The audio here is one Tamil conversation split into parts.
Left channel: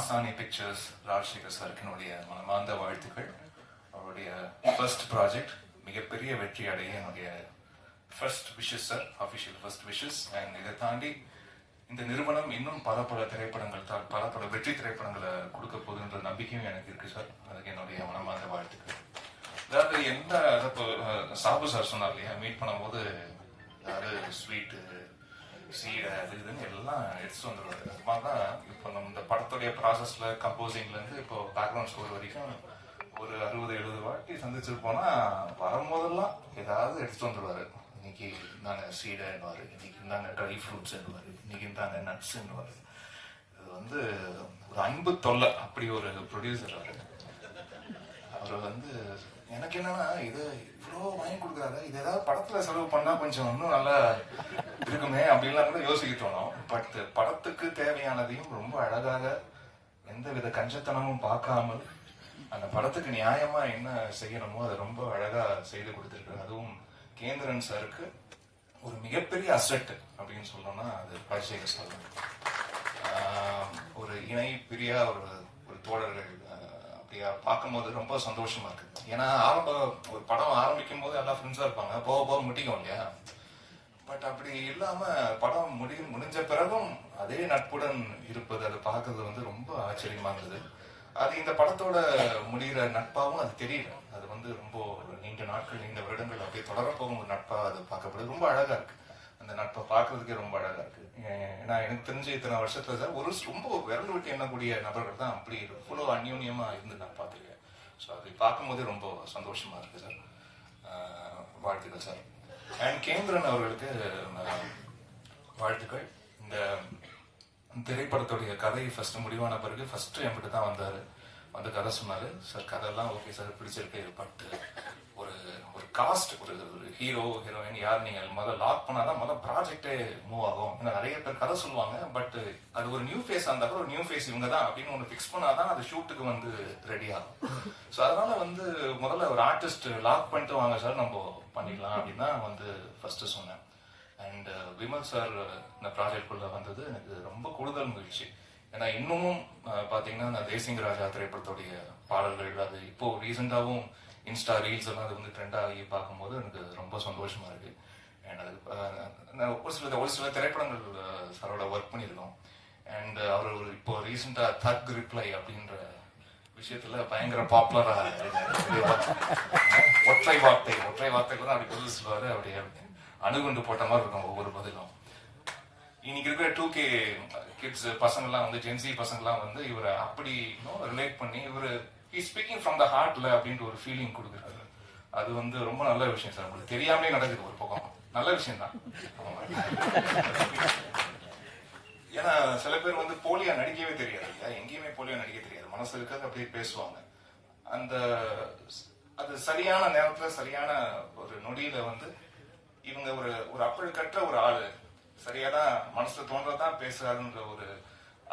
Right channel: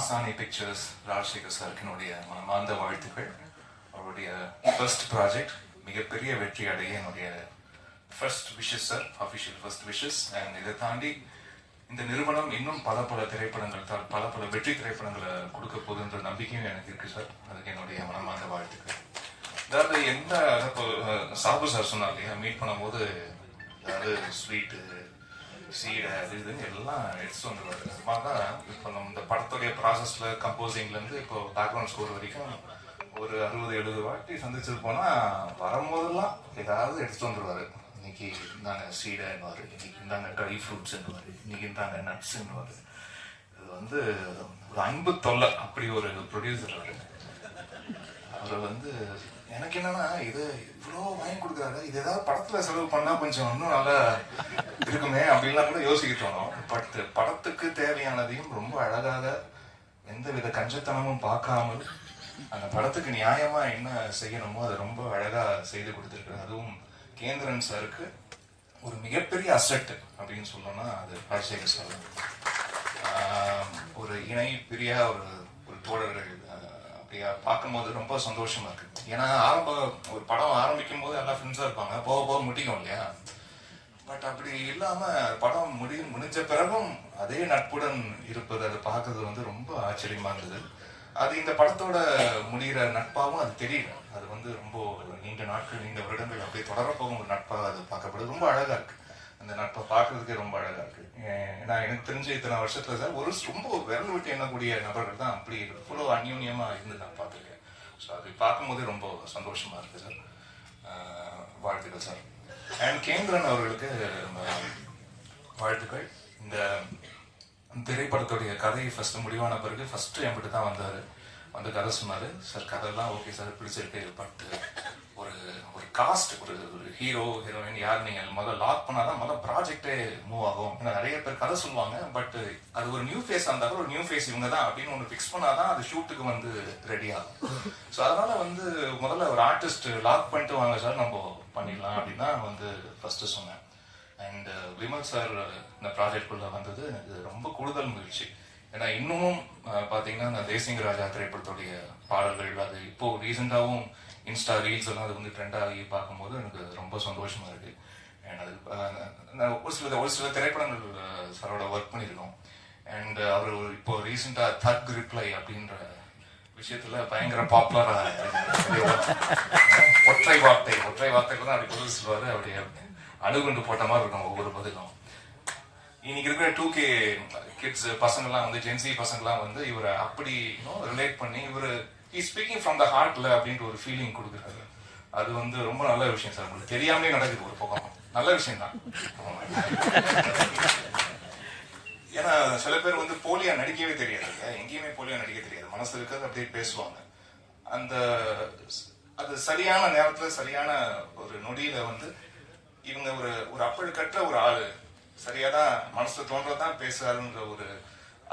மாசாணி பிக்சர்ஸ் ராஜசேகர் சாருக்கு என்னுடைய மனமார்ந்த வாழ்த்துக்கள். அவருடைய ஃபர்ஸ்ட் ப்ராஜெக்ட் மிகப்பெரிய வெற்றி அடைய என்னுடைய first wishes sir, official first wishes. And இதை தாண்டி இந்த நிறுவனம் இன்னும் பல திரைப்படங்கள் பல வெற்றி திரைப்படங்களை கொடுக்க போகுதுன்ற நம்பிக்கையும் எனக்கு இருக்கு சார். அதுக்கு என்னுடைய மனமார்ந்த வாழ்த்துக்கள். அதாவது எந்த சாபு சார் சொன்னார் இல்லையா, மீட் பண்ணும்போது அதாவது ஸ்வீட்டு சீடை அது இதுன்னு எல்லாம் எடுத்துட்டு வந்துருவாரு. தான் இப்போ நம்ம இந்த படத்துடைய ப்ராசஸ்ல கம்போசிங்லேருந்து இப்போ பேக்ரவுண்ட் ஸ்கோர் வரைக்கும் ஒரு 60-70 வாட்டி சந்திச்சிருப்போம்னா வரும்போதெல்லாம் ஏதாவது எடுத்துட்டு வந்துருவாரு. இன்னைக்கு இந்தாங்க சீடைன்னுவாரு, இன்னைக்கு இந்தாங்க ட்ரை ஃப்ரூட்ஸ்ன்னுவாரு, இன்னைக்கு இந்தாங்க நட்ஸ்ன்னுவாரு. இது வந்து ஒரு அன்பு தொல்லை. அப்படி ஒரு ப்ரொடியூசர் அவர் வந்து எனக்கு என்னன்னா இது இவ்வளோ வாங்கி கொடுக்குறாரு, இது ஏதாவது படத்துல செலவு பண்ணா கொஞ்சம் இன்னும் நல்லா இருக்குமே அப்படின்லாம் கூட யோசிக்க தோணும். பட் படத்துக்கு தேவையானதையும் ரொம்ப அழகாக எந்த வித கஞ்சத்தனமும் பார்க்காமல் அந்த படத்துக்கு நியாயமா என்ன செய்யணுமோ அதை ரொம்ப அழகா செய்து கொடுத்துருக்காரு. அதுவும் கேந்திரன் சாருக்கு ஒரு மிகப்பெரிய அசெட் அப்படின்னு சொல்லணும்னா அது ராஜசேகர் சார். ஒரு இணை பிரியா ஒரு தோழர்கள் அப்படியா பார்க்கும்போது ரொம்ப சந்தோஷமா இருக்கு. ஏன்னா ஒரு படம் ஆரம்பிக்கும் போது எல்லா ஃப்ரெண்ட்ஸா இருப்பாங்க, போக முடியும் இல்லையா. பட் அப்படி இல்லாம படம் முடிஞ்ச பிறகும் அதே நட்புடன் இருப்பது அதை பார்க்கறது வந்து ரொம்ப ஆச்சரியமா இருந்தது. அது இந்த படத்தோட முடிகிற நட்பாகவும் அது தெரியல. அது வந்து ரொம்ப நீண்ட நாட்கள் நீண்ட வருடங்கள் அப்படியே தொடர போகும் ஒரு நட்பா அது பார்க்கப்படுது. ரொம்ப அழகா இருக்கு. அந்த நட்பை பார்க்கறதுக்கே ரொம்ப அழகா இருக்கு. ஏன்னா எனக்கு தெரிஞ்ச இத்தனை வருஷத்துல சார் ரொம்ப விரல் விட்டு எண்ணக்கூடிய நபர்கள் தான் அப்படி இவ்வளோ அந்யூன்யமா இருந்து நான் பார்த்துருக்கேன். ஸோ அது பார்க்கும்போதே ரொம்ப சந்தோஷமா இருக்கு சார். வாழ்த்துக்கள் சார். அண்ட் கேந்திரன் அவர்களுக்கு வாழ்த்துக்கள். இந்த திரைப்படத்துடைய கதை ஃபர்ஸ்ட் முடிவான பிறகு ஃபர்ஸ்ட் என்கிட்ட தான் வந்தாரு, வந்து கதை சொன்னாரு. சார் கதைலாம் ஓகே சார், பிடிச்சிருக்கு, பட் ஒரு காஸ்ட் ஒரு ஹீரோ ஹீரோயின் யார் நீங்க முதல்ல லாக் பண்ணாதான் முதல் ப்ராஜெக்டே மூவ் ஆகும். ஏன்னா நிறைய பேர் கதை சொல்லுவாங்க, பட் அது ஒரு நியூ ஃபேஸ் இருந்தா ஒரு நியூ ஃபேஸ் இவங்க தான் அப்படின்னு ஒன்று ஃபிக்ஸ் பண்ணாதான் அது ஷூட்டுக்கு வந்து ரெடி ஆகும். ஸோ அதனால வந்து முதல்ல ஒரு ஆர்டிஸ்ட் லாக் பண்ணிட்டு வாங்க சார் நம்ம பண்ணிடலாம் அப்படின்னு தான் வந்து ஃபர்ஸ்ட் சொன்னேன். அண்ட் விமல் சார் இந்த ப்ராஜெக்டுக்குள்ள வந்தது எனக்கு ரொம்ப கூடுதல் மகிழ்ச்சி. ஏன்னா இன்னமும் பார்த்தீங்கன்னா இந்த தேசிங்க ராஜா திரைப்படத்துடைய பாடல்கள் அது இப்போ ரீசெண்டாகவும் இன்ஸ்டா ரீல்ஸ் எல்லாம் அது வந்து ட்ரெண்ட் ஆகி பார்க்கும்போது எனக்கு ரொம்ப சந்தோஷமா இருக்கு. அண்ட் அது ஒரு சில திரைப்படங்கள் சாரோட ஒர்க் பண்ணியிருக்கோம். அண்ட் அவர் இப்போ ரீசெண்டா தக் ரிப்ளை அப்படின்ற விஷயத்துல பயங்கர பாப்புலரா ஒற்றை வார்த்தைகள் தான் அப்படி பதில் சொல்லுவாரு. அப்படியே அணுகுண்டு போட்ட மாதிரி இருக்கும் ஒவ்வொரு பதிலும். இன்னைக்கு இருக்கிற 2K கிட்ஸ் பசங்கள்லாம் வந்து ஜென்சி பசங்கள்லாம் வந்து இவரை அப்படி ரிலேட் பண்ணி இவர் ஸ்பீக்கிங் ஃப்ரம் த ஹார்ட்ல அப்படின்ற ஒரு ஃபீலிங் கொடுக்குறாரு. அது வந்து ரொம்ப நல்ல விஷயம் சார். உங்களுக்கு தெரியாமலே நடக்குது ஒரு பக்கம், நல்ல விஷயம் தான். ஏன்னா சில பேர் வந்து போலியா நடிக்கவே தெரியாது, எங்கேயுமே போலியா நடிக்க தெரியாது, மனசு இருக்கிறது அப்படியே பேசுவாங்க. அது சரியான நேரத்துல சரியான ஒரு நொடியில வந்து இவங்க ஒரு அப்பழு கற்ற ஒரு ஆளு சரியாதான் மனசுல தோன்றதான் பேசுறாருன்ற ஒரு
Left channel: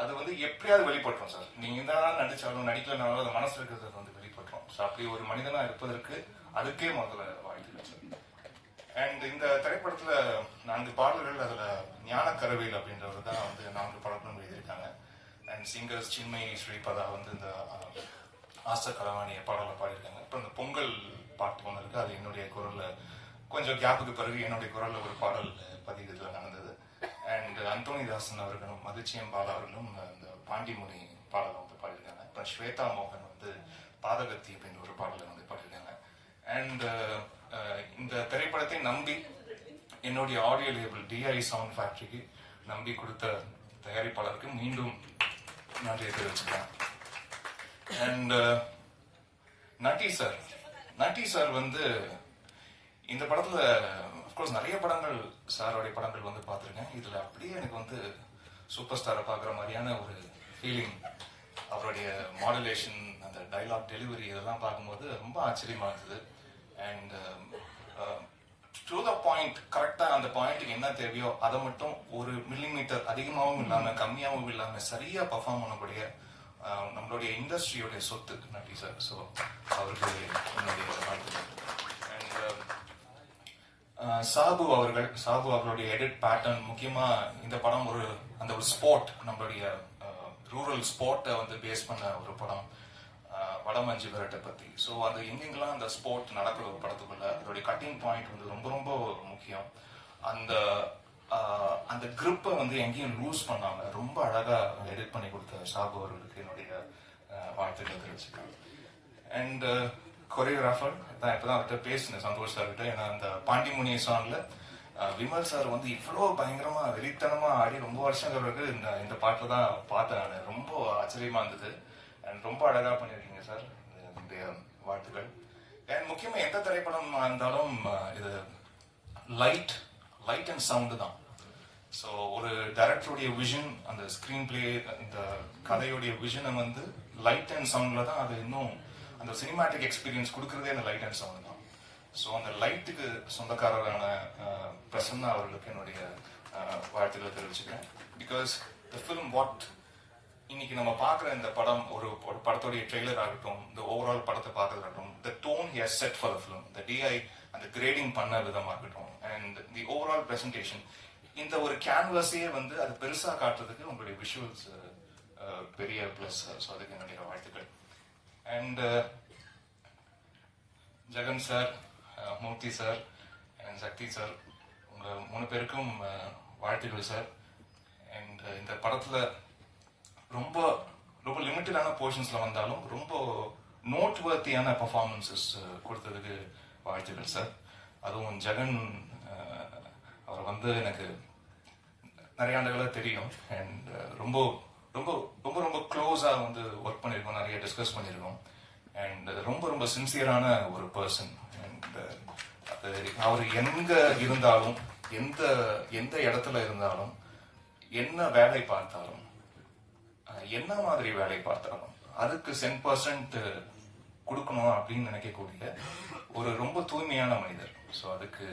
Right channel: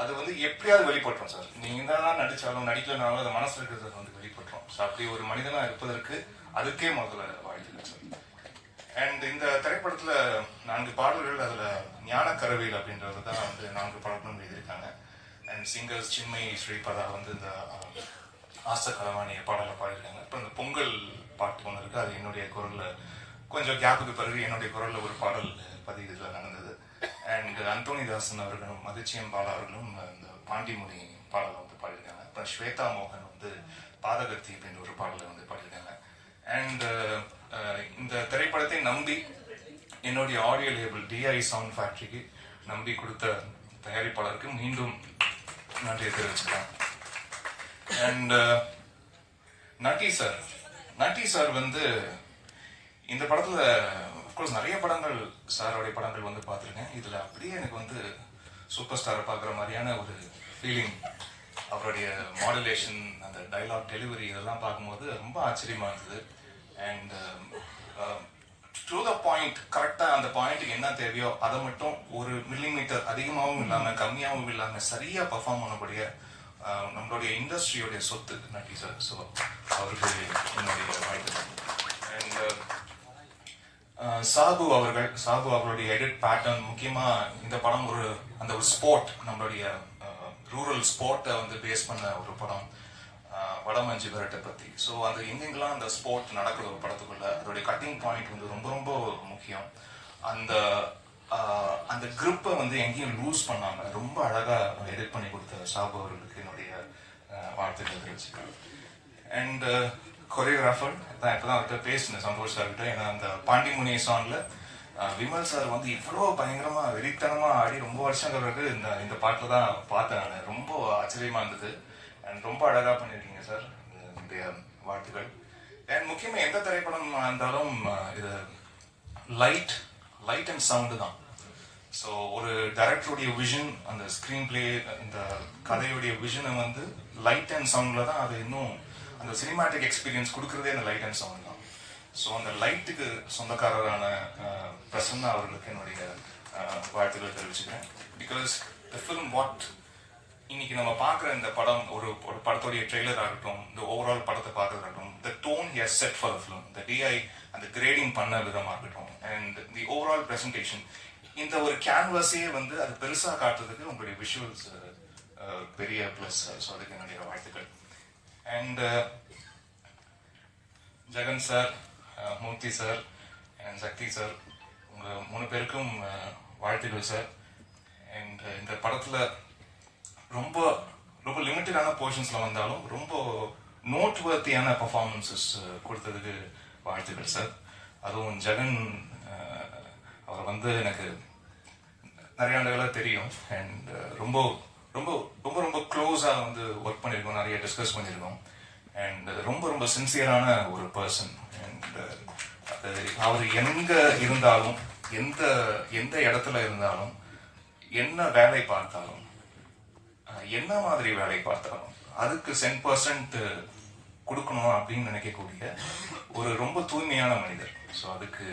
அது வந்து எப்படியாவது வெளிப்பட்டுரும் சார். நீங்க தான் நடிச்சாலும் நடிக்கலனாலும் அது மனசுல இருக்கிறது வந்து வெளிப்பட்டுரும். ஸோ அப்படி ஒரு மனிதனா இருப்பதற்கு அதுக்கே முதல்ல வாழ்த்துக்கள் சார். அண்ட் இந்த திரைப்படத்துல 4 பாடல்கள், அதுல ஞான கரவேல் அப்படின்றது தான் வந்து 4 பாடல்களும் எழுதியிருக்காங்க. அண்ட் சிங்கர்ஸ் சின்மயி ஸ்ரீபதா வந்து இந்த ஆச கலவாணிய பாடலை பாடியிருக்காங்க. இப்போ இந்த பொங்கல் பாட்டு ஒன்று இருக்கு, அது என்னுடைய குரல்ல கொஞ்சம் கேப்புக்கு பிறகு என்னுடைய குரல்ல ஒரு பாடல் பதிவுல நடந்தது. அண்ட் அந்தோனிதாசன் அவர்களும் மதிச்சியம் பாலா அவர்களும் இந்த பாண்டிமொழி பாடலை வந்து பாடியிருக்காங்க. அப்புறம் ஸ்வேதா மோகன் வந்து பாதகத்தி அப்படின்ற ஒரு பாடலை வந்து பாடியிருக்காங்க. அண்ட் இந்த திரைப்படத்தை நம்பி என்னுடைய ஆடியோ லேபிள் DI சவுண்ட் ஃபேக்டரிக்கு நம்பி கொடுத்த தயாரிப்பாளருக்கு மீண்டும் நன்றியை தெரிவிச்சுக்கிறேன். அண்ட் நட்டி சார் வந்து இந்த படத்துல அப்கோர்ஸ் நிறைய படங்கள் சாரோடைய படங்கள் வந்து பார்த்துருக்கேன். இதுல அப்படியே எனக்கு வந்து சூப்பர் ஸ்டாரை பார்க்குற மாதிரியான ஒரு ஃபீலிங். அவருடைய மாடுலேஷன், அந்த டைலாக் டெலிவரி இதெல்லாம் பார்க்கும்போது ரொம்ப ஆச்சரியமா இருந்தது. அண்ட் டு த பாயிண்ட், கரெக்டா அந்த பாயிண்ட்டுக்கு என்ன தேவையோ அதை மட்டும் 1 மில்லிமீட்டர் அதிகமாகவும் இல்லாம கம்மியாகவும் இல்லாம சரியா பர்ஃபார்ம் பண்ணக்கூடிய நம்மளுடைய இண்டஸ்ட்ரியோடைய சொத்து நட்டி சார். ஸோ அவருக்கு என்னுடைய வாழ்த்துக்கள். அண்ட் சாபு அவர்களுடைய எடிட் பேட்டர்ன், முக்கியமா இந்த படம் ஒரு ஸ்போர்ட் நம்மளுடைய ரூரல் ஸ்போர்ட்டை வந்து பேஸ் பண்ண ஒரு படம், வடமஞ்சி விரட்டை பற்றி. ஸோ அது எங்கெங்கெல்லாம் அந்த ஸ்போர்ட் நடக்கிற ஒரு படத்துக்குள்ள அதோடைய கட்டிங் பாயிண்ட் வந்து ரொம்ப ரொம்ப முக்கியம். அந்த அந்த கிரிப்பை வந்து எங்கேயும் லூஸ் பண்ணாமல் ரொம்ப அழகாக எடிட் பண்ணி கொடுத்த சாபு அவர்களுக்கு என்னுடைய வாழ்த்துக்கள் தெரிவிச்சுக்கிறேன். அண்ட் கொரியோகிராஃபர் தான் இப்போ தான் அவர்கிட்ட பேசினேன் சந்தோஷ் சார்கிட்ட. ஏன்னா அந்த பாண்டிமுனி சாங்ல விமல் சார் வந்து இவ்வளோ பயங்கரமா வெறித்தனமா ஆடி ரொம்ப வருஷம் பிறகு இந்த பாட்டில் தான் பார்த்தேன். ரொம்ப ஆச்சரியமா இருந்தது. அண்ட் ரொம்ப அழகா பண்ணியிருக்கீங்க சார், என்னுடைய வாழ்த்துக்கள். அண்ட் முக்கியமாக எந்த திரைப்படம் இருந்தாலும் இது லைட் அண்ட் சவுண்டு தான். ஸோ ஒரு டைரக்டருடைய விஷன், அந்த ஸ்க்ரீன் பிளே, இந்த கதையுடைய விஷனை வந்து லைட் அண்ட் சவுண்ட்ல தான் அது இன்னும் அந்த சினிமாட்டிக் எக்ஸ்பீரியன்ஸ் கொடுக்குறதே அந்த லைட் அண்ட் சவுண்ட் தான். ஸோ அந்த லைட்டுக்கு சொந்தக்காரரான பிரசன்னா அவர்களுக்கு என்னுடைய வாழ்த்துக்களை தெரிவிச்சுக்கிறேன். பிகாஸ் த ஃபிலிம் வாட் இன்னைக்கு நம்ம பார்க்குற இந்த படம், ஒரு படத்துடைய ட்ரெய்லர் ஆகட்டும், இந்த ஓவரால் படத்தை பார்க்கறதாகட்டும், the tone he has set for the film, the DI அந்த கிரேடிங் பண்ண விதமாகட்டும், அண்ட் தி ஓவரால் ப்ரெசன்டேஷன், இந்த ஒரு கேன்வாஸையே வந்து அது பெருசாக காட்டுறதுக்கு உங்களுடைய விஷுவல்ஸ் பெரிய ப்ளஸ். ஸோ அதுக்கு என்னுடைய வாழ்த்துக்கள். And Jagan sir, Murthy sir and Sakthi sir, உங்கள் 3 பேருக்கும் வாழ்த்துக்கள் சார். அண்ட் இந்த படத்தில் ரொம்ப ரொம்ப லிமிட்டடான போர்ஷன்ஸில் வந்தாலும் ரொம்ப நோட்வர்த்தியான பர்ஃபார்மன்ஸஸ் கொடுத்ததுக்கு வாழ்த்துக்கள் சார். அதுவும் ஜெகன் அவர் வந்து எனக்கு நிறைய ஆண்டுகளாக தெரியும். அண்ட் ரொம்ப ரொம்ப ரொம்ப ரொம்ப க்ளோஸாக வந்து ஒர்க் பண்ணியிருக்கோம், நிறைய டிஸ்கஸ் பண்ணியிருக்கோம். அண்ட் ரொம்ப ரொம்ப சின்சியரான ஒரு பர்சன். அண்ட் அவர் எங்கே இருந்தாலும், எந்த இடத்துல இருந்தாலும், என்ன வேலை பார்த்தாலும், என்ன மாதிரி வேலை பார்த்தாலும் அதுக்கு 10% கொடுக்கணும் அப்படின்னு நினைக்கக்கூடிய ஒரு ரொம்ப தூய்மையான மனிதர். ஸோ அதுக்கு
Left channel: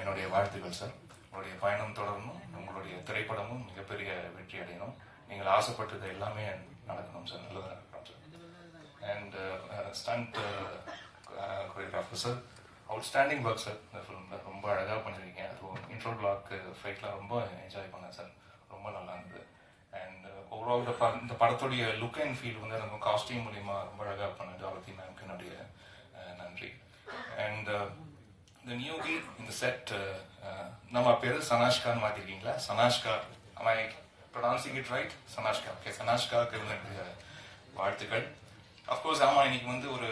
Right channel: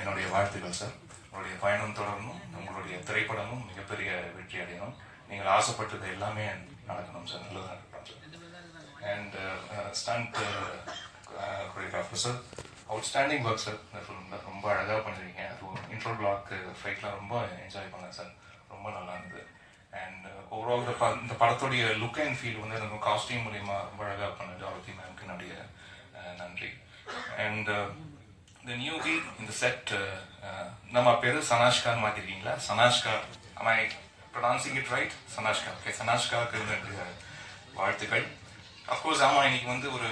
என்னுடைய வாழ்த்துக்கள் சார். உங்களுடைய பயணம் தொடரணும், உங்களுடைய திரைப்படமும் மிகப்பெரிய வெற்றி அடையணும், நீங்கள் ஆசைப்பட்டது எல்லாமே நடக்கணும் சார், நல்லதாக நடக்கணும் sir. And stunt choreographer sir, outstanding work sir. இந்த ஃபிலிமில் ரொம்ப அழகாக பண்ணிருக்கீங்க. இன்ட்ரோ பிளாக் ஃபைட்லாம் ரொம்ப என்ஜாய் பண்ணேன் சார், ரொம்ப நல்லா இருந்தது. அண்ட் ஓவரால் இந்த படத்துடைய லுக் அண்ட் ஃபீல் வந்து எனக்கு காஸ்டியூம் மூலியமா ரொம்ப அழகாக பண்ணது. ஆரத்தி மேம்க்கு என்னுடைய நன்றி. அண்ட் இந்த நியூ வீக் இந்த செட், நம்ம பேர் சனாஷ்கான்னு மாற்றிருக்கீங்களா? Sanashka, am I pronouncing it right? Sanashka. Okay, சனாஷ்காவுக்கு என்னுடைய வாழ்த்துக்கள். அஃப்கோர்ஸ் ஆமாம், இன்னைக்கு வந்து ஒரு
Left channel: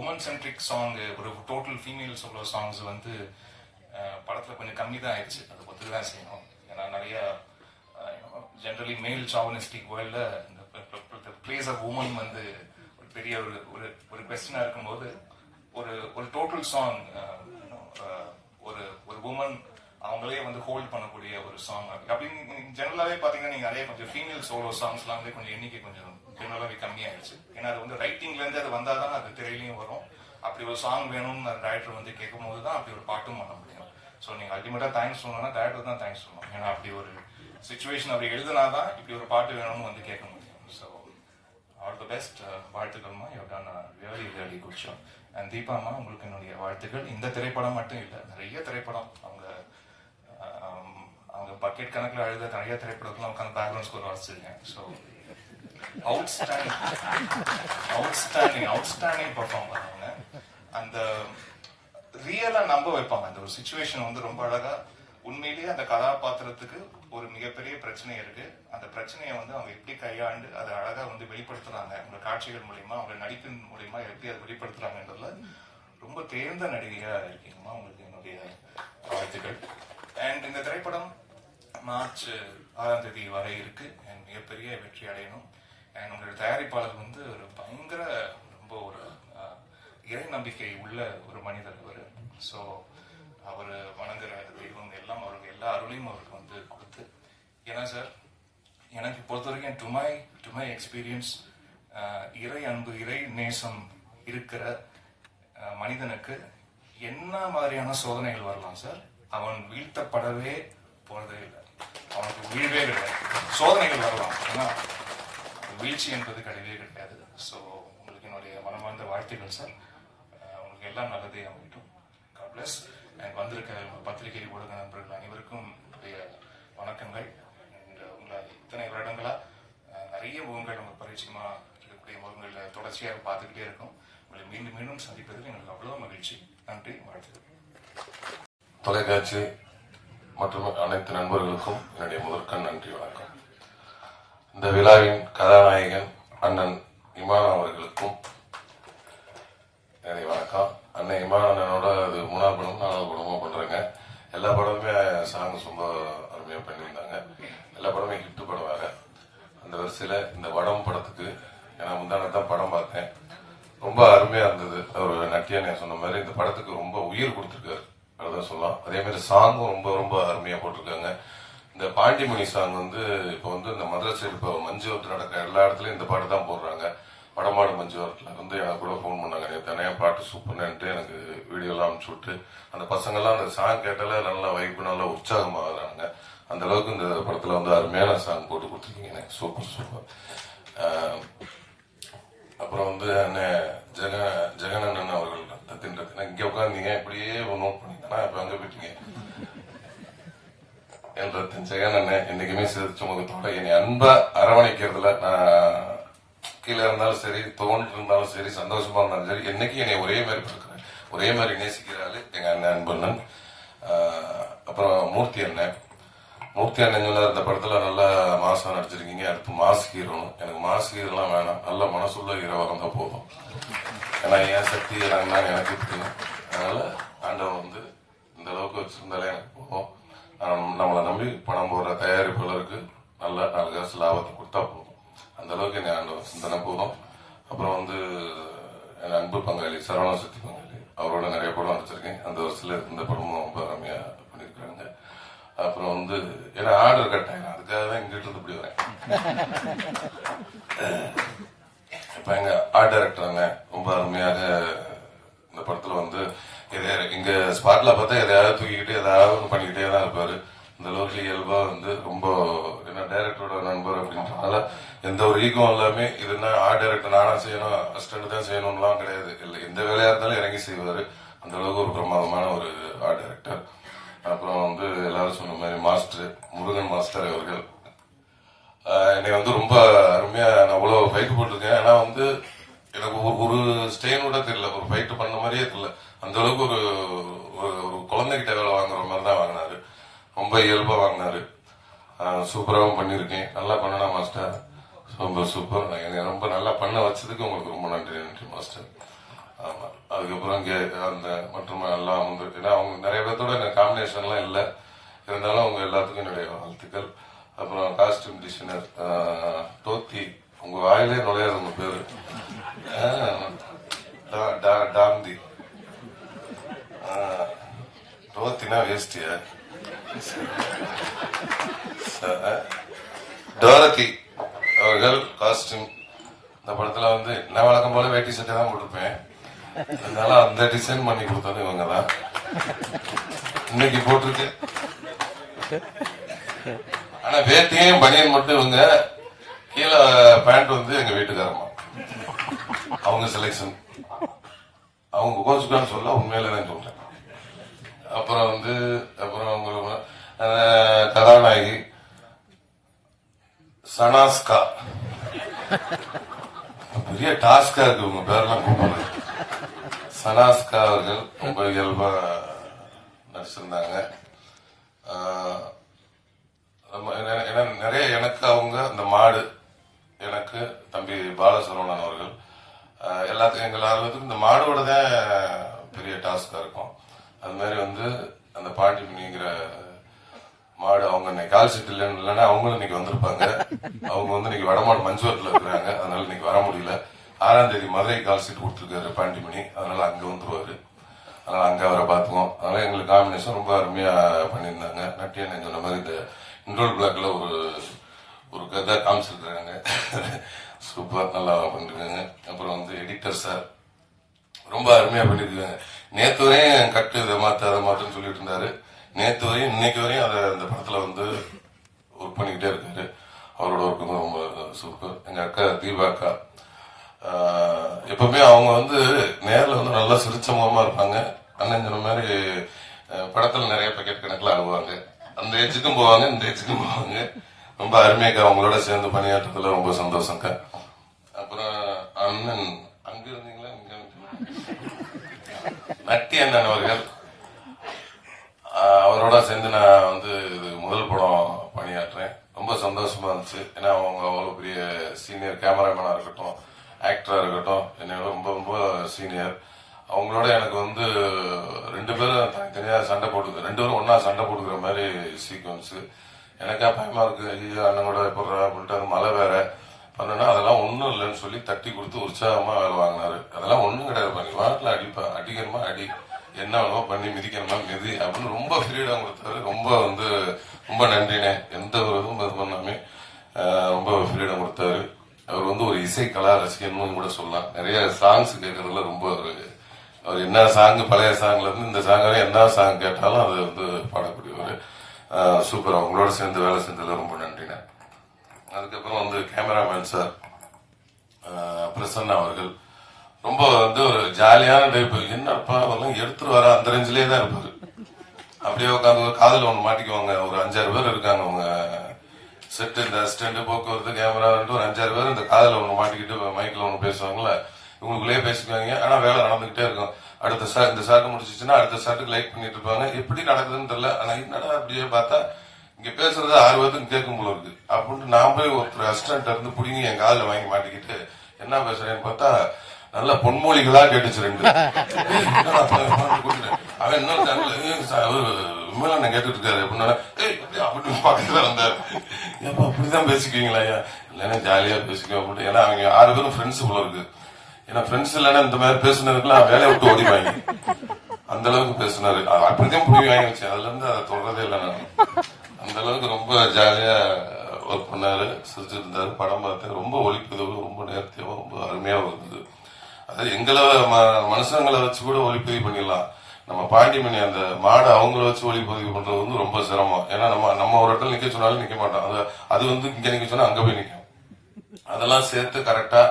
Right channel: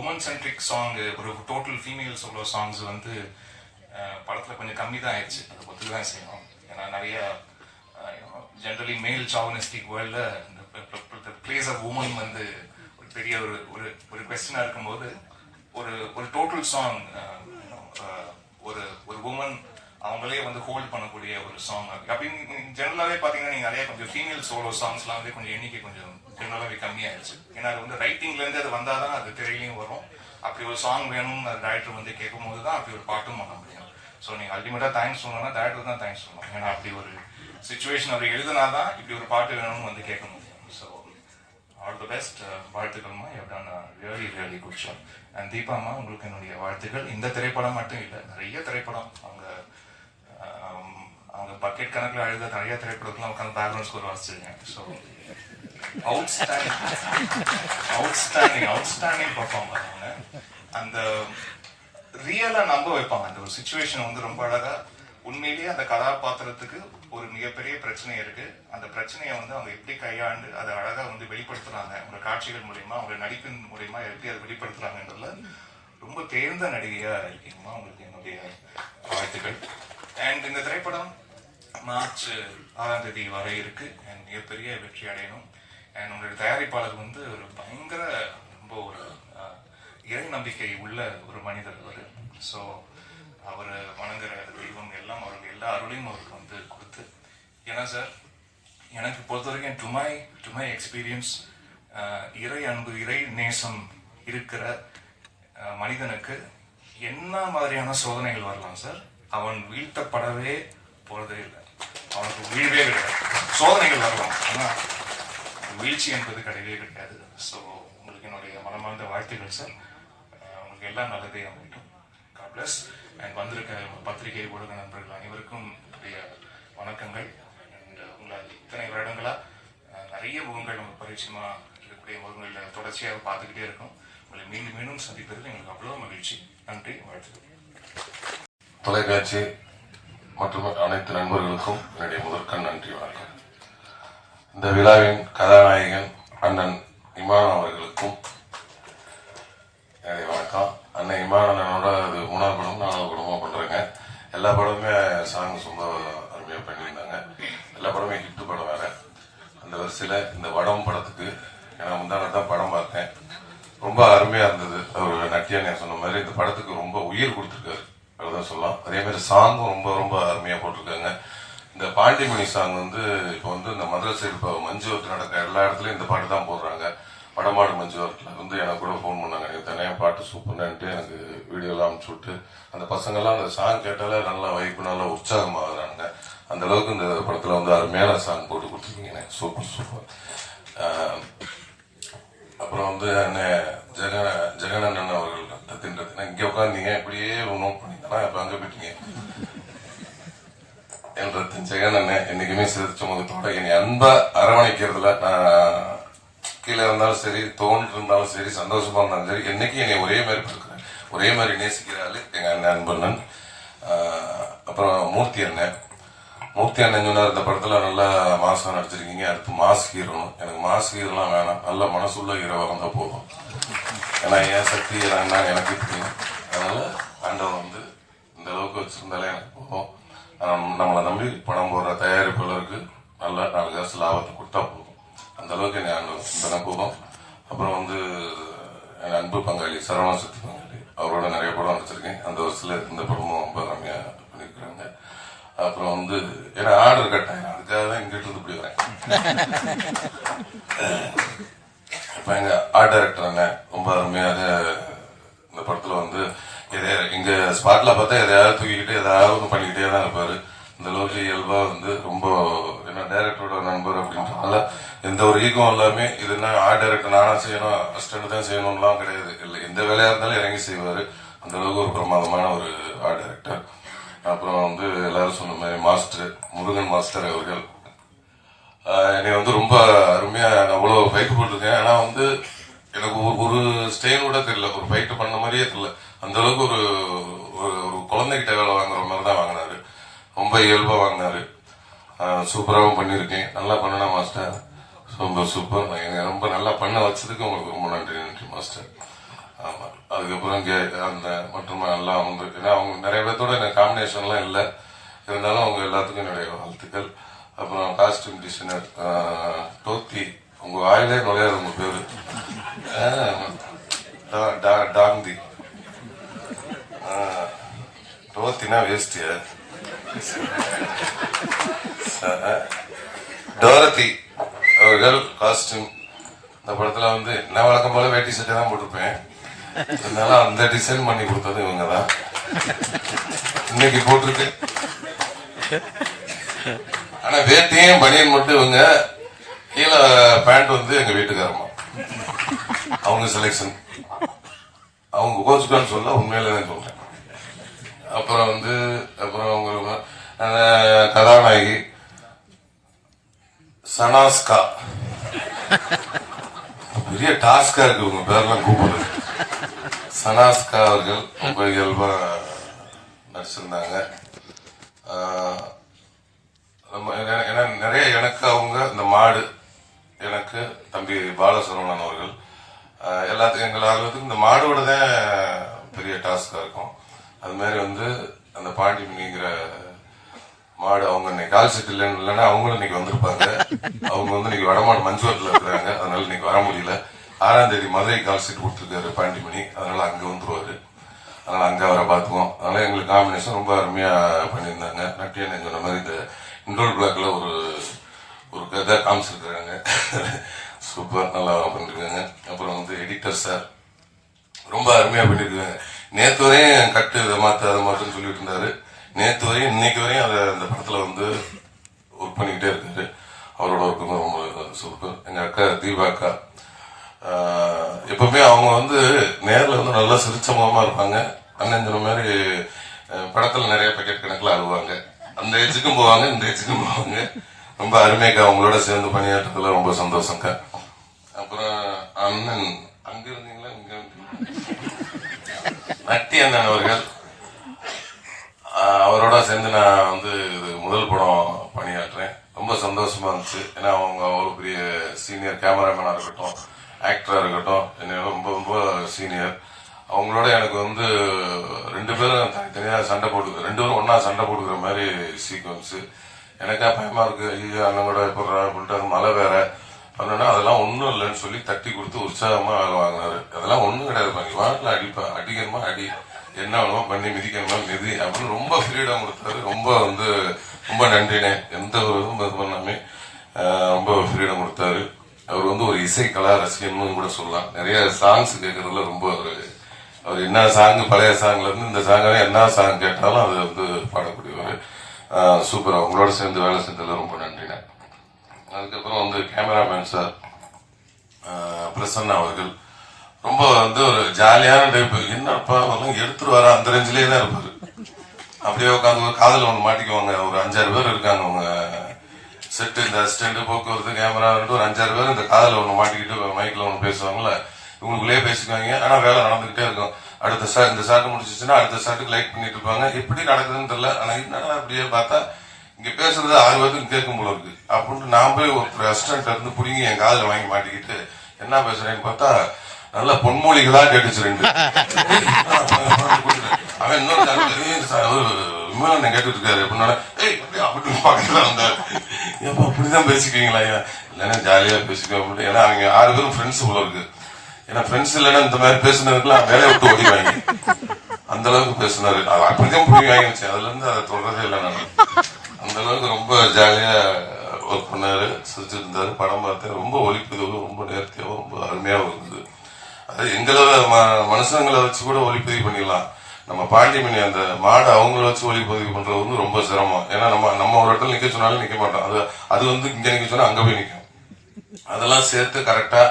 உமன் சென்ட்ரிக் சாங்கு, ஒரு டோட்டல் ஃபீமேல் சோலோ சாங்ஸ் வந்து படத்தில் கொஞ்சம் கம்மி தான் ஆயிடுச்சு. அதை ஒத்துக்கு தான் செய்யணும். ஏன்னா நிறைய ஜென்ரலி மேல் சாவனிஸ்டிக் வேர்ல்டில் இந்த பிளேஸ் ஆஃப் உமன் வந்து ஒரு பெரிய ஒரு கொஸ்டினாக இருக்கும்போது ஒரு டோட்டல் சாங், ஒரு உமன் அவங்களே வந்து ஹோல்ட் பண்ணக்கூடிய ஒரு சாங் அப்படின்னு ஜெனரலாகவே பார்த்தீங்கன்னா நீங்கள் நிறைய கொஞ்சம் ஃபீமேல் சோலோ சாங்ஸ்லாம் வந்து கொஞ்சம் எண்ணிக்கை கொஞ்சம் ஜெனரலாகவே கம்மியாகிடுச்சு. ஏன்னா அது வந்து ரைட்டிங்லேருந்து அது வந்தால் தான் அது திரையிலையும் வரும். அப்படி ஒரு சாங் வேணும்னு அந்த டைரக்டர் வந்து கேட்கும் போது தான் அப்படி ஒரு பாட்டும் பண்ண முடியும். ஸோ நீங்கள் அல்டிமேட்டாக தேங்க்ஸ் சொல்லணும்னா டேரக்டர் தான் தேங்க்ஸ் சொல்லணும். ஏன்னா அப்படி ஒரு சிச்சுவேஷன் அவர் எழுதுனாதான் இப்படி ஒரு பாட்டு வேணும்னு வந்து கேட்க முடியும். ஸோ ஆல் தி பெஸ்ட், வாழ்த்துக்கள்மா. எப்படான ரியலி குட் ஷாட். அண்ட் தீபாம்மா, உங்களுக்கு என்னுடைய வாழ்த்துக்கள். இந்த திரைப்படம் மட்டும் இல்லை, நிறைய திரைப்படம் அவங்க பக்கெட் கணக்கில் எழுத நிறைய திரைப்படத்துலாம் உட்காந்து பேக்ரவுண்ட் ஸ்கோர் வாசிச்சிருக்கேன். ஸோ அவுட்ஸ்டாண்டிங் பர்ஃபார்ம் பண்ணாங்க. அந்த ரியலா நம்ப வைப்பாங்க. அந்த ஒரு சிச்சுவேஷன் வந்து ரொம்ப அழகா, உண்மையிலேயே அந்த கதாபாத்திரத்துக்கு ஒரு மிகப்பெரிய பிரச்சனை இருக்கு, அந்த பிரச்சனையை வந்து அவங்க எப்படி கையாண்டு அதை அழகா வந்து வெளிப்படுத்துறாங்க, அவங்க காட்சிகள் மூலியமா, அவங்க நடிப்பின் மூலியமா எப்படி அதை வெளிப்படுத்துறாங்கன்றதுல ரொம்ப தேர்ந்த நடிகையா இருக்கீங்கம்மா. உங்களுக்கு என்னுடைய வாழ்த்துக்கள். அண்ட் இந்த திரைப்படம் மார்ச் 6ஆம் தேதி வரை இருக்கு. அண்ட் மிகப்பெரிய வெற்றி அடையணும். அண்ட் உங்களுடைய தயாரிப்பாளர் வந்து ஒரு பயங்கர ரொம்ப ஒரு இறை நம்பிக்கை உள்ள ஒரு மனிதர் அவர். ஸோ அவர் வணங்குற தெய்வம் எல்லாம் அவருக்கு எல்லா அருளையும் அவருக்கு வந்து கொடுத்து, ஏன்னா சார் எனக்கு பொறுத்த வரைக்கும் டு மை எக்ஸ்பீரியன்ஸ், இறை அன்பு, இறை நேசம் இருக்கிற மனிதனுக்கு என்ன மாதிரியான சோதனைகள் வரலாம் சார், அவன் வீழ்த்தப்படவே போறதே இல்லை, அவனுக்கு வீழ்வே கிடையாது. சோதனைகள் வரலாம், ஆனால் வீழ்ச்சி என்பது கிடையவே கிடையாது. ஸோ உங்களுக்கு என்னுடைய மனமார்ந்த வாழ்த்துக்கள் சார். உங்களுக்கு எல்லாம் நல்லதே அமைக்கும். God plus. அண்ட் வந்திருக்க பத்திரிகை ஊடக நண்பர்கள் அனைவருக்கும் என்னுடைய வணக்கங்கள். அண்ட் உங்களை இத்தனை வருடங்களா முகங்கள் நமக்கு பரிச்சயமாக இருக்கக்கூடிய முகங்களில் தொடர்ச்சியாக பார்த்துக்கிட்டே இருக்கும். உங்களை மீண்டும் மீண்டும் சந்திப்பதில் எங்களுக்கு அவ்வளோ மகிழ்ச்சி. நன்றி, வாழ்த்துக்கள். தொலைக்காட்சி மற்றும் அனைத்து நண்பர்களுக்கும் என்னுடைய முதற்கண் நன்றி, வணக்கம். இந்த விழாவின் கதாநாயகன் அண்ணன் இமான் அவர்களுக்கும் என்னுடைய வணக்கம். அண்ணன் இமான் அண்ணனோட அது 3வது படம் 4வது படமாக பண்றேங்க. எல்லா படமுமே சாங் ரொம்ப அருமையாக பண்ணியிருந்தாங்க. எல்லா படமே ஹிட் படம் வேற. அந்த வரிசையில் இந்த வடம் படத்துக்கு நான் முந்தான தான் படம் பார்த்தேன். ரொம்ப அருமையா இருந்தது. அவர் நட்டியானே சொன்ன மாதிரி இந்த படத்துக்கு ரொம்ப உயிர் கொடுத்துருக்காரு, அதான் சொல்லலாம். அதே மாதிரி சாங்கும் ரொம்ப ரொம்ப அருமையா போட்டிருக்காங்க. இந்த பாண்டிமணி சாங் இப்போ இந்த மதுரை சைடு இப்போ மஞ்சுவரத்து நடக்க எல்லா இடத்துலயும் இந்த பாட்டு தான் போடுறாங்க. வடமாடு மஞ்சுவரத்துல எனக்கு கூட ஃபோன் பண்ணாங்க, நீ தனியாக பாட்டு சூப்பர்னுட்டு எனக்கு வீடியோலாம் அனுப்பிச்சு விட்டு அந்த பசங்கள்லாம் அந்த சாங் கேட்டாலே நல்லா வைப்பு நல்லா உற்சாகமாகறாங்க. அந்த அளவுக்கு இந்த படத்துல அருமையான சாங் போட்டு கொடுத்துருக்கீங்க. Super super. அப்புறம் ஜெகனண்ணன் அவர்கள் இங்க உட்காந்தீங்க, இப்படியே நோட் பண்ணிங்கன்னா இப்ப அங்க போயிட்டீங்க. ஜெகனண்ணன் என்னைக்குமே சிரிச்ச முகத்தோட என்னை அன்பா அரவணைக்கிறதுல நான் கீழே இருந்தாலும் சரி, தோன்று இருந்தாலும் சரி, சந்தோஷமா இருந்தாலும் சரி, என்னைக்கு என்னை ஒரே மாதிரி இருக்கிறேன், ஒரே மாதிரி நேசிக்கிறாரு எங்க அண்ணன் அன்பண்ணன். அப்புறம் மூர்த்தி அண்ணன் சொன்னார், இந்த படத்துல நல்லா மாசம் நடிச்சிருக்கீங்க, அடுத்து மாஸ் ஹீரோன்னு. எனக்கு மாஸ் ஹீரோலாம் வேணாம், நல்ல மனசுள்ள ஹீரோ வந்தா போதும். ஏன்னா என் சக்தி எனக்கு தெரியும். அதனால ஆண்டவன் இந்த அளவுக்கு வச்சிருந்தாலே எனக்கு போதும். நம்மளை நம்பி படம் போடுற தயாரிப்பாளருக்கு நல்ல 4 காசு லாபத்தை கொடுத்தா போதும். அந்த அளவுக்கு என்ன ஆண்டவன் போதும். அப்புறம் என் அன்பு பங்காளி சரவண சக்தி பங்காளி, அவரோட நிறைய படம் நடிச்சிருக்கேன். அந்த வருஷத்துல இந்த படமும் ரொம்ப அருமையா பண்ணிருக்காங்க. அப்புறம் ஏன்னா ஆர்டர் கட்டாயம், அதுக்காக தான் இங்கிட்டு இப்படி வரேன். இப்ப எங்க ஆர்ட் டைரக்டர் ரொம்ப அருமையாக இந்த படத்துல இங்க ஸ்பாட்ல பார்த்தா எதையாவது தூக்கிக்கிட்டு ஏதாவது ஒன்று பண்ணிக்கிட்டே தான் இருப்பாரு. இந்த அளவுக்கு இயல்பா ரொம்ப ஏன்னா டைரக்டரோட நண்பர் அப்படின்றதுனால எந்த ஒரு ஈகம் எல்லாமே இதுனா ஆர்ட் டைரக்டர் நானா செய்யணும், அசிஸ்டன்ட் தான் செய்யணும்லாம் கிடையாது. இல்லை, எந்த வேலையா இருந்தாலும் இறங்கி செய்வாரு. அந்த அளவுக்கு ஒரு பிரமாதமான ஒரு ஆர்ட் டைரக்டர். அப்புறம் எல்லாரும் சொன்ன மாதிரி மாஸ்டர் முருகன் மாஸ்டர் அவர்கள் என்னை ரொம்ப அருமையா அவ்வளவு ஃபைட் போட்டிருக்கேன். ஆனா எனக்கு ஒரு ஸ்டெயின் கூட தெரியல, ஒரு ஃபைட் பண்ண மாதிரியே தெரியல. அந்த அளவுக்கு ஒரு குழந்தைகிட்ட வேலை வாங்குற மாதிரி தான் வாங்கினாரு. ரொம்ப இயல்பா வாங்கினாரு. சூப்பராகவும் பண்ணியிருக்கேன். நல்லா பண்ணனா மாஸ்டர், ரொம்ப சூப்பர். ரொம்ப நல்லா பண்ண வச்சதுக்கு உங்களுக்கு ரொம்ப நன்றி மாஸ்டர். ஆமா, அதுக்கப்புறம் அந்த மற்றும் எல்லாம் ஏன்னா அவங்க நிறைய பேர்த்தோட எனக்கு காம்பினேஷன்லாம் இல்லை, இருந்தாலும் அவங்க எல்லாத்துக்கும் என்னுடைய வாழ்த்துக்கள். அப்புறம் காஸ்டியூம் டிசைனர் டோத்தி, உங்க வாயிலே நுழையாது உங்க பேரு டாந்தி. டோத்தினா வேஸ்டிய டோரத்தி அவர்கள் காஸ்டியூம். இந்த படத்துல நான் வழக்கம் போல வேட்டி சட்டை தான் போட்டிருப்பேன், இருந்தாலும் அந்த டிசைன் பண்ணி கொடுத்தது இவங்க தான். இன்னைக்கு போட்டிருக்கு, ஆனா வேட்டியும் பனியன் மட்டும் இவங்க, கீழே பேண்ட் எங்க வீட்டுக்காரமா அவங்க செலக்ஷன். அவங்க கோச்சுக்கான்னு சொல்ல உண்மையில தான் சொல்றேன். அப்புறம் அப்புறம் அவங்க கதாநாயகி சனாஸ்கா, பெரிய டாஸ்கா இருக்கு உங்க பேர்லாம் கூப்பிடுறது. சனாஸ்கா அவர்கள் ரொம்ப இயல்பா நடிச்சிருந்தாங்க. நிறைய எனக்கு அவங்க இந்த மாடு, எனக்கு தம்பி பாலசரவணன் அவர்கள் எல்லாத்துக்கும் எங்கள் ஆர்வத்துக்கு இந்த மாடோட தான் பெரிய டாஸ்கா இருக்கும். அது மாதிரி அந்த பாண்டிமணிங்கிற மாடு அவங்க இன்னைக்கு கால் செட் இல்லைன்னா அவங்களும் இன்னைக்கு வந்திருப்பாங்க. அவங்க இன்னைக்கு வடமாடு மஞ்சுவரத்துல இருக்கிறாங்க, அதனால இன்னைக்கு வர முடியல. 6ஆம் தேதி மதுரை கால் செட் கொடுத்துருக்காரு பாண்டிமணி, அதனால அங்க வந்துருவாரு. அதனால அங்க அவரை பார்த்துக்குவோம். அதனால எங்களுக்கு காம்பினேஷன் ரொம்ப அருமையா பண்ணியிருந்தாங்க. நட்டியன் சொன்ன மாதிரி இந்த இண்டோல் பிளாக்ல ஒரு கதை காமிச்சிருக்கிறாங்க. சூப்பர், நல்லா பண்ணிருக்காங்க. அப்புறம் எடிட்டர் சார் ரொம்ப அருமையா பண்ணிருக்காங்க. நேத்து வரையும் கட்டு இதை மாத்த அதை மாத்துன்னு சொல்லிட்டு இருந்தாரு. நேத்து வரையும் இன்னைக்கு வரையும் அந்த படத்துல ஒர்க் பண்ணிக்கிட்டே இருக்காரு. அவரோட ஒர்க்கு ரொம்ப சூப்பர். எங்க அக்கா தீபாக்கா எப்பவுமே அவங்க நேரில் நல்லா சிரிச்ச முகமா இருப்பாங்க. அண்ணன் சொன்ன மாதிரி படத்துல நிறைய பேக்கெட் கணக்குல ஆகுவாங்க. அந்த ஏஜுக்கும் போவாங்க, இந்த ஏஜுக்கும் போவாங்க. ரொம்ப அருமையாக்கா, உங்களோட சேர்ந்து பணியாற்றதுல ரொம்ப சந்தோஷம்க்கா. அப்புறம் அண்ணன் அங்க இருந்தீங்களா, இங்க நட்டி அண்ணன் அவர்கள், அவரோட சேர்ந்து நான் வந்து இது முதல் படம் பணியாற்றேன். ரொம்ப சந்தோஷமா இருந்துச்சு. ஏன்னா அவங்க அவ்வளோ பெரிய சீனியர் கேமராமேனா இருக்கட்டும், ஆக்டரா இருக்கட்டும், என்ன ரொம்ப ரொம்ப சீனியர். அவங்களோட எனக்கு வந்து 2 பேரும் தனித்தனியா சண்டை போட்டு 2 பேரும் ஒன்னா சண்டை போட்டுக்கிற மாதிரி சீக்வன்ஸ். எனக்கா பயமா இருக்கு, ஐயோ அண்ணன் கூட போடுறா அப்படின்ட்டு, அது மழை வேற பண்ணா அதெல்லாம் ஒன்றும் இல்லைன்னு சொல்லி தட்டி கொடுத்து உற்சாகமா வேலை வாங்கினாரு. அதெல்லாம் ஒன்றும் கிடையாது, வாட்டில் அடிப்பேன், அடிக்கணுமா அடி, என்ன வேணுமோ பண்ணி மிதிக்கணுமா மிதி அப்படின்னு ரொம்ப ஃப்ரீடம் கொடுத்தாரு. ரொம்ப வந்து ரொம்ப நன்றினே, எந்த ஒரு இதுவும் இது பண்ணாமே ரொம்ப ஃப்ரீடம் கொடுத்தாரு. அவர் வந்து ஒரு இசை கலா ரசிகன்னு கூட சொல்லலாம். நிறைய சாங்ஸ் கேட்கறதுல ரொம்ப அவர் என்ன சாங், பழைய சாங்ல இருந்து இந்த சாங்காவே என்ன சாங் கேட்டாலும் அது வந்து பாடக்கூடியவர். சூப்பர். அவங்களோட சேர்ந்து வேலை செஞ்சதுல ரொம்ப நன்றினே. அதுக்கப்புறம் வந்து கேமராமேன் சார் பிரசன்னா அவர்கள் ரொம்ப வந்து ஒரு ஜாலியான டைப். என்னப்பா எடுத்துட்டு வர அந்த ரேஞ்சிலே தான் இருப்பாரு. அப்படியே உட்காந்து காதல் ஒன்று மாட்டிக்குவாங்க. ஒரு 5-6 பேர் இருக்காங்க அவங்க செட்டு, இந்த அசிஸ்டன்ட், போக்குவரத்து, கேமரா, ஒரு 5-6 பேர் இந்த காதல் ஒன்று மாட்டிக்கிட்டு மைக்ல ஒன்று பேசுவாங்கல்ல, இவங்களுக்குள்ளேயே பேசிக்குவாங்க. ஆனா வேலை நடந்துகிட்டே இருக்கும். அடுத்த ஷாட், இந்த ஷாட் முடிச்சிச்சுன்னா அடுத்த ஷாட்டுக்கு லைக் பண்ணிட்டு இருப்பாங்க. எப்படி நடக்குதுன்னு தெரியல. ஆனா என்னடா அப்படியே பார்த்தா இங்க பேசுறது 6 பேருக்கு கேட்கும் போல இருக்கு அப்படின்ட்டு நான் போய் ஒரு அசிஸ்டன்ட் இருந்து புடிங்கி என் காதல வாங்கி மாட்டிக்கிட்டு என்ன பேசுறேன்னு பார்த்தா நல்ல பொன்மொழிகளா கேட்டுச்சு 2. அவன் இன்னொரு விமலன் கேட்டுட்டு இருக்காரு அப்படின்னா, அப்படின்னு பக்கத்துல வந்தாரு. ஏப்பா அப்படிதான் பேசிக்குவீங்களா? இல்லைன்னா ஜாலியா பேசிக்குவேன் அப்படின்னு. ஏன்னா அவங்க 6 பேரும் ஃப்ரெண்ட்ஸ் போல இருக்கு. ஏன்னா ஃப்ரெண்ட்ஸ் இல்லைன்னா இந்த மாதிரி பேசுனதுக்குலாம் வேலையை விட்டு ஓடிவாங்க. அந்த அளவுக்கு பேசினாரு. அது அப்படிதான் புரிய வாங்கி வச்சேன். அதுல இருந்து அதை தொடரதே இல்லை நான். அந்த அளவுக்கு ரொம்ப ஜாலியா ஒர்க் பண்ணாரு, செஞ்சிருந்தாரு. படம் பார்த்தேன். ரொம்ப ஒளிப்பதிவு ரொம்ப நேர்த்தியாகவும் ரொம்ப அருமையாகவும் இருந்தது. அதாவது எங்களை மனுஷங்களை வச்சு கூட ஒளிப்பதிவு பண்ணிடலாம். நம்ம பாண்டிமணி அந்த மாடை அவங்கள வச்சு ஒளிப்பதிவு பண்றது வந்து ரொம்ப சிரமம். ஏன்னா நம்ம ஒரு இடத்துல நிக்க சொன்னாலும் நிக்க மாட்டோம். அது வந்து இங்க நிக்க சொன்னா அங்க போய் நிற்கும். அதெல்லாம் சேர்த்து கரெக்டா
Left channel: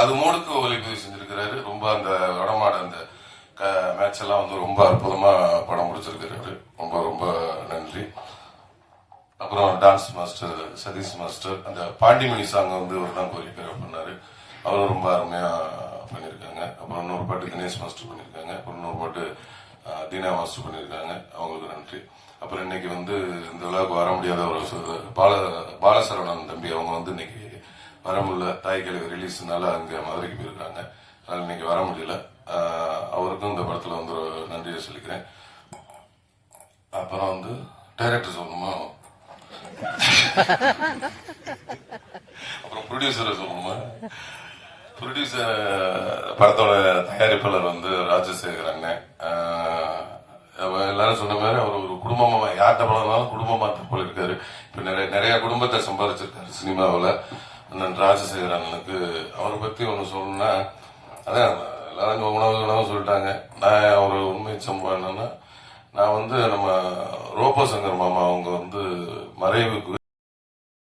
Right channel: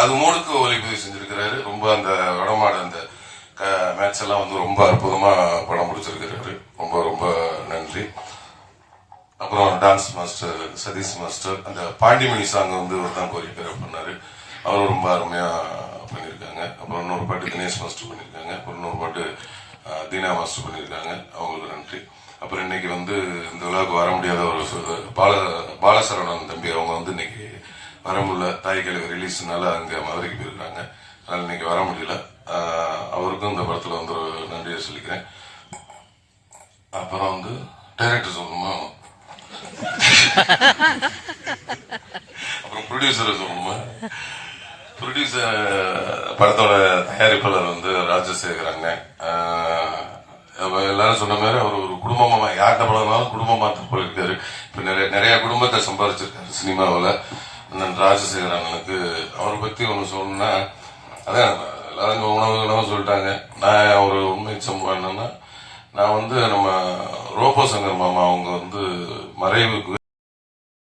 அது மூணுக்கு ஒளிப்பதிவு செஞ்சிருக்கிறாரு. ரொம்ப அந்த வடமாட அந்த மேட்ச் எல்லாம் வந்து ரொம்ப அற்புதமா படம் முடிச்சிருக்கிறாரு. ரொம்ப ரொம்ப நன்றி. அப்புறம் டான்ஸ் மாஸ்டர் சதீஷ் மாஸ்டர் அந்த பாண்டிமணி சாங் வந்து ஒரு தான் கோரியோகிராஃப் பண்ணாரு. அவரும் ரொம்ப அருமையா பண்ணியிருக்காங்க. அப்புறம் இன்னொரு பாட்டு தினேஷ் மாஸ்டர் பண்ணியிருக்காங்க. அப்புறம் இன்னொரு பாட்டு தீனா மாஸ்டர் பண்ணியிருக்காங்க. அவங்களுக்கு நன்றி. அப்புறம் இன்னைக்கு வந்து இந்த விழாவுக்கு வர முடியாத ஒரு பாலசரவணன் தம்பி அவங்க வந்து இன்னைக்கு வர முடியல, தாய்க்கழிவு ரிலீஸ்னால அங்க மதுரைக்கு போயிருக்காங்க. அதனால இன்னைக்கு வர முடியல. அவருக்கும் இந்த படத்துல வந்து ஒரு நன்றியை சொல்லிக்கிறேன். அப்புறம் வந்து டைரக்டர் சொல்லணுமா, அப்புறம் ப்ரொடியூசர் சொல்லணுமா. ப்ரொடியூசர் படத்தோட தயாரிப்பாளர் வந்து ராஜசேகராங்க. எல்லாரும் சொன்ன மாதிரி அவர் ஒரு குடும்பமா, யார்கிட்ட படம்னாலும் குடும்பமா தான் போயிருக்காரு. இப்ப நிறைய குடும்பத்தை சம்பாதிச்சிருக்காரு சினிமாவில். அண்ணன் ராஜசேகர் அண்ணனுக்கு அவரை பத்தி ஒன்று சொல்லணும்னா, அதான் எல்லாரும் உணவு சொல்லிட்டாங்க. நான் ஒரு உண்மை சம்பவம் என்னன்னா, நான் வந்து நம்ம ரோபோ சங்கர் மாமா அவங்க வந்து மறைவுக்கு